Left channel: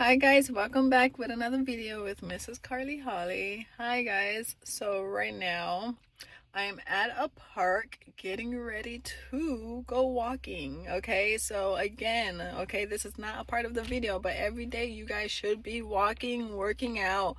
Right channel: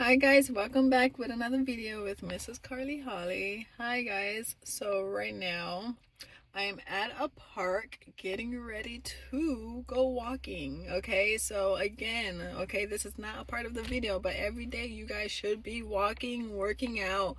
Hi guys, welcome back with another video with Mrs. Carly Holly. Hi guys, so right now I am at a park getting ready to go walking. Okay, so again, okay, this is not a part of the video, but every day you guys should be walking, working out,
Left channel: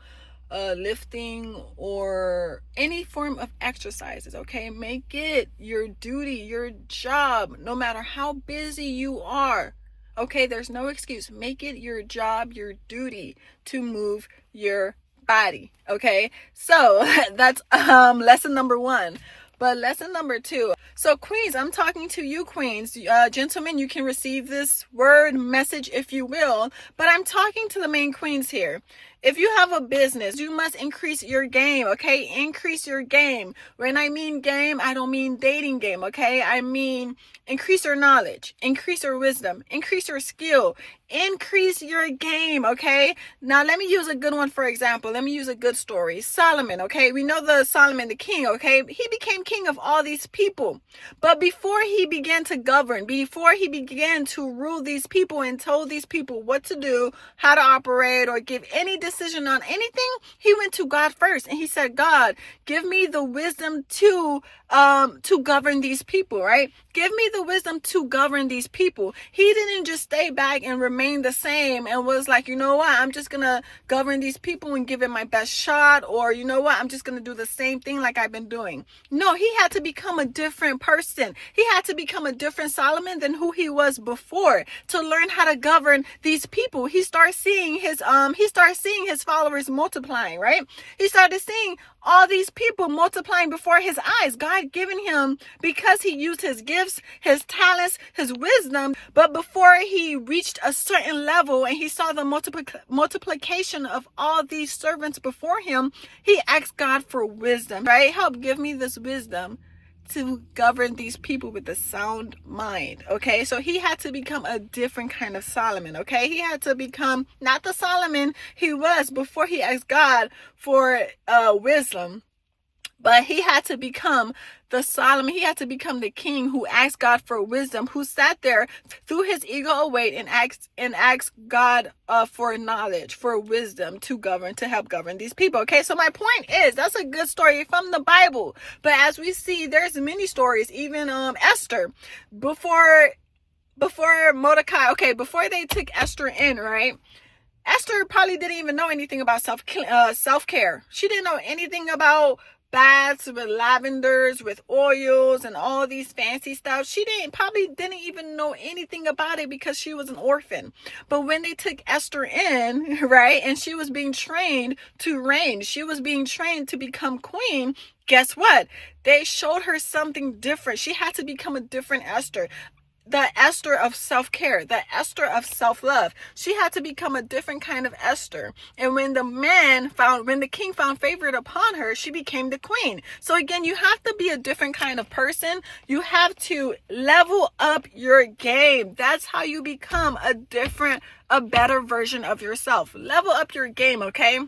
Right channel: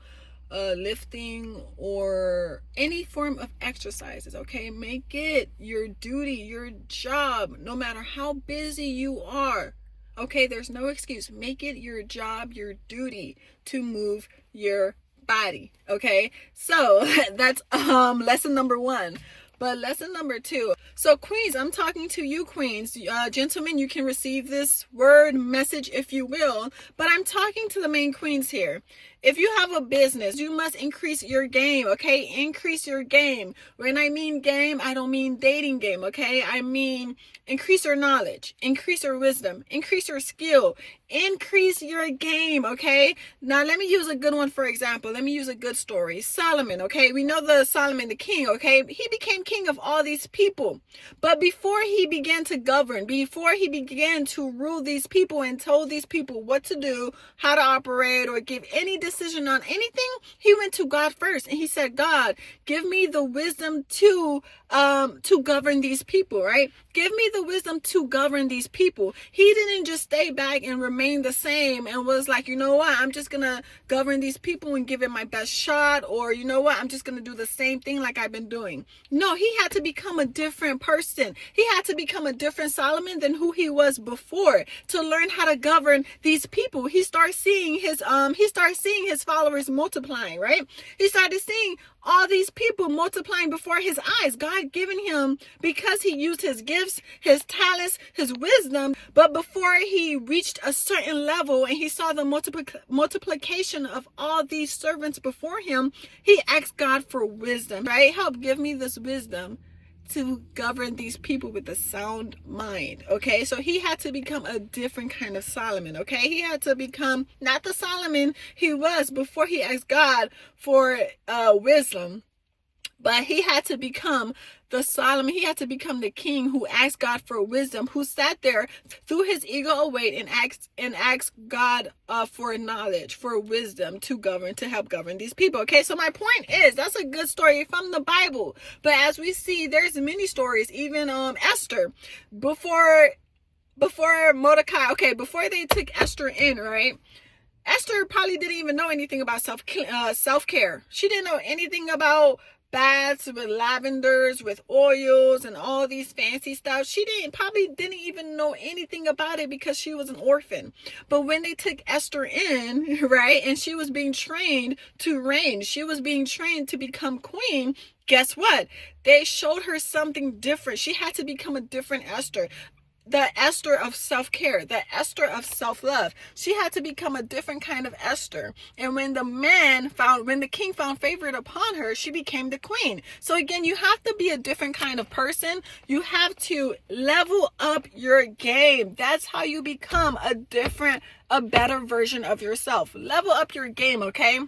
lifting, or any form of exercises. Okay, make it your duty, your job, no matter how busy you are. Okay, there's no excuse. Make it your job, your duty to move your body. Okay, so that's lesson number one. But lesson number two, so queens, I'm talking to you queens. Gentlemen, you can receive this word message if you will, but I'm talking to the main queens here. If you have a business, you must increase your game. Okay, increase your game. When I mean game, I don't mean dating game. Okay, I mean increase your knowledge, increase your wisdom, increase your skill, increase your game. Okay, now let me use a good one. For example, let me use a good story. Solomon. Okay, we know the Solomon, the king. Okay, he became king of all these people, but before he began to govern, before he began to rule these people and told these people what to do, how to operate, or give any decision on anything, he went to God first and he said, God, give me the wisdom to govern these people, right? Give me the wisdom to govern these people. He didn't just stay back and remain the same and was like, you know what, I'm just gonna govern these people and give it my best shot, or you know what, I'm just gonna do the same thing like I've been doing. No, he had to become a different person. He had to become a different Solomon than who he was before to learn how to govern these people. He started seeing his followers multiplying, right? He started seeing all these people multiplying before his eyes. God given him, because he used his gifts, his talents, his wisdom. But before he reached a certain level and he saw the multiplication of all these servants before him, he asked God for wisdom, right? Help give me this wisdom to govern these people with a sound mind. Okay, so he had to become a different kind of Solomon. Okay, he had to become not the Solomon he was before he asked God for wisdom, but he had to become the Solomon. He had to become the king who asked God for wisdom, who sat there, threw his ego away, and asked God for knowledge, for wisdom to govern, to help govern these people. Okay, so my point is, that's a good story from the Bible. But as we see, there's many stories, even Esther, before Mordecai. Okay, before they took Esther in, right? Esther probably didn't even know anything about self-care. She didn't know anything about baths with lavenders, with oils, and all these fancy stuff. She probably didn't even know anything about it because she was an orphan. But when they took Esther in, right, and she was being trained to reign, she was being trained to become queen, guess what? They showed her something different. She had to become a different Esther. The Esther of self-care, the Esther of self-love. She had to become a different kind of Esther. And when the king found favor upon her, she became the queen. So again, you have to be a different kind of person. You have to level up your game. That's how you become a better version of yourself. Level up your game, okay?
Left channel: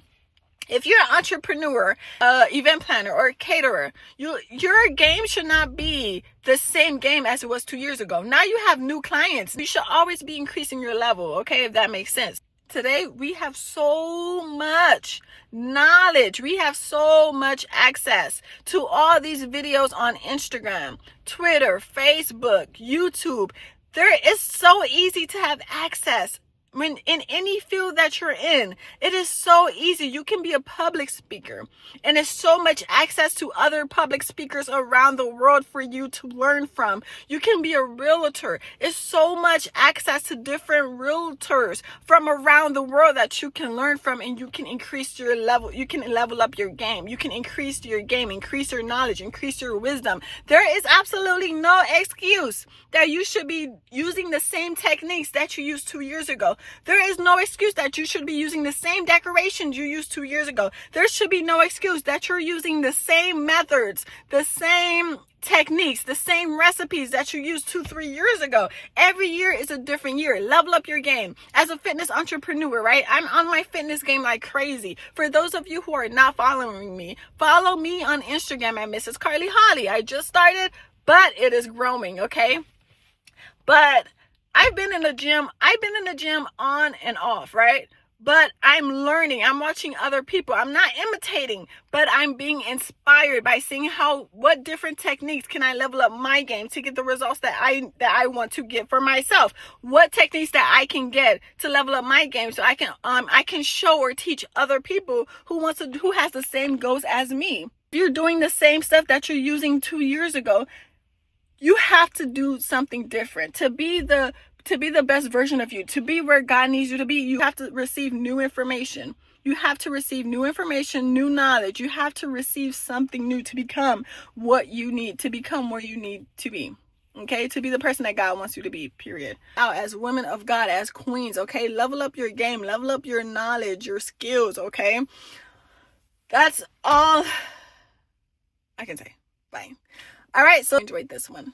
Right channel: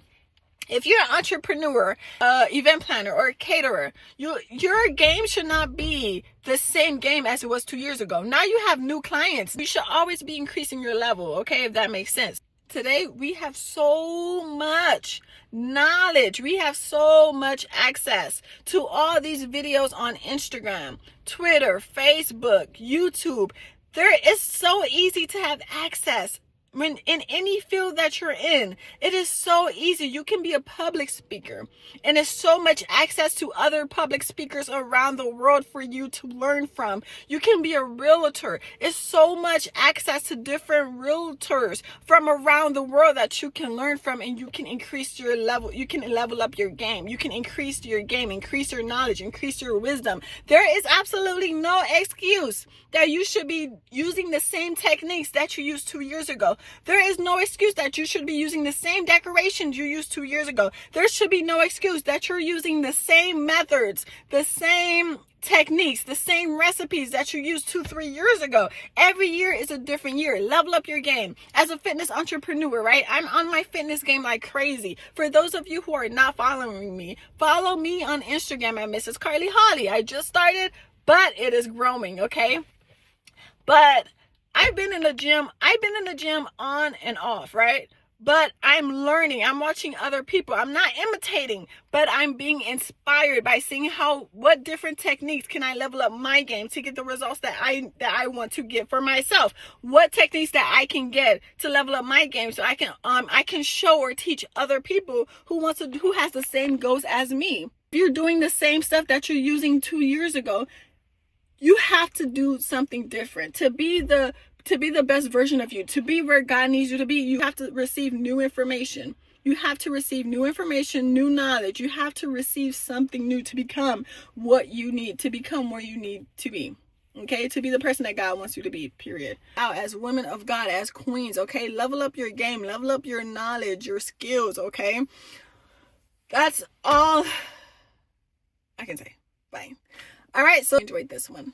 If you're an entrepreneur, event planner, or caterer, your game should not be the same game as it was 2 years ago. Now you have new clients. You should always be increasing your level, okay, if that makes sense. Today, we have so much knowledge. We have so much access to all these videos on Instagram, Twitter, Facebook, YouTube. It's so easy to have access. When in any field that you're in, it is so easy. You can be a public speaker, and there's so much access to other public speakers around the world for you to learn from. You can be a realtor. It's so much access to different realtors from around the world that you can learn from, and you can increase your level. You can level up your game. You can increase your game, increase your knowledge, increase your wisdom. There is absolutely no excuse that you should be using the same techniques that you used 2 years ago. There is no excuse that you should be using the same decorations you used 2 years ago. There should be no excuse that you're using the same methods, the same techniques, the same recipes that you used 2-3 years ago. Every year is a different year. Level up your game. As a fitness entrepreneur, right? I'm on my fitness game like crazy. For those of you who are not following me, follow me on Instagram at Mrs. Carly Holly. I just started, but it is growing, okay? But I've been in the gym on and off, right? but I'm learning. I'm watching other people. I'm not imitating, but I'm being inspired by seeing what different techniques can I level up my game to get the results that I want to get for myself. What techniques that I can get to level up my game so I can show or teach other people who has the same goals as me. If you're doing the same stuff that you're using 2 years ago, you have to do something different to be the best version of you, to be where God needs you to be. You have to receive new information. You have to receive new information, new knowledge. You have to receive something new to become what you need, to become where you need to be. Okay, to be the person that God wants you to be, period. Now, as women of God, as queens, okay, level up your game, level up your knowledge, your skills, okay? That's all I can say. Bye. All right, so enjoyed this one.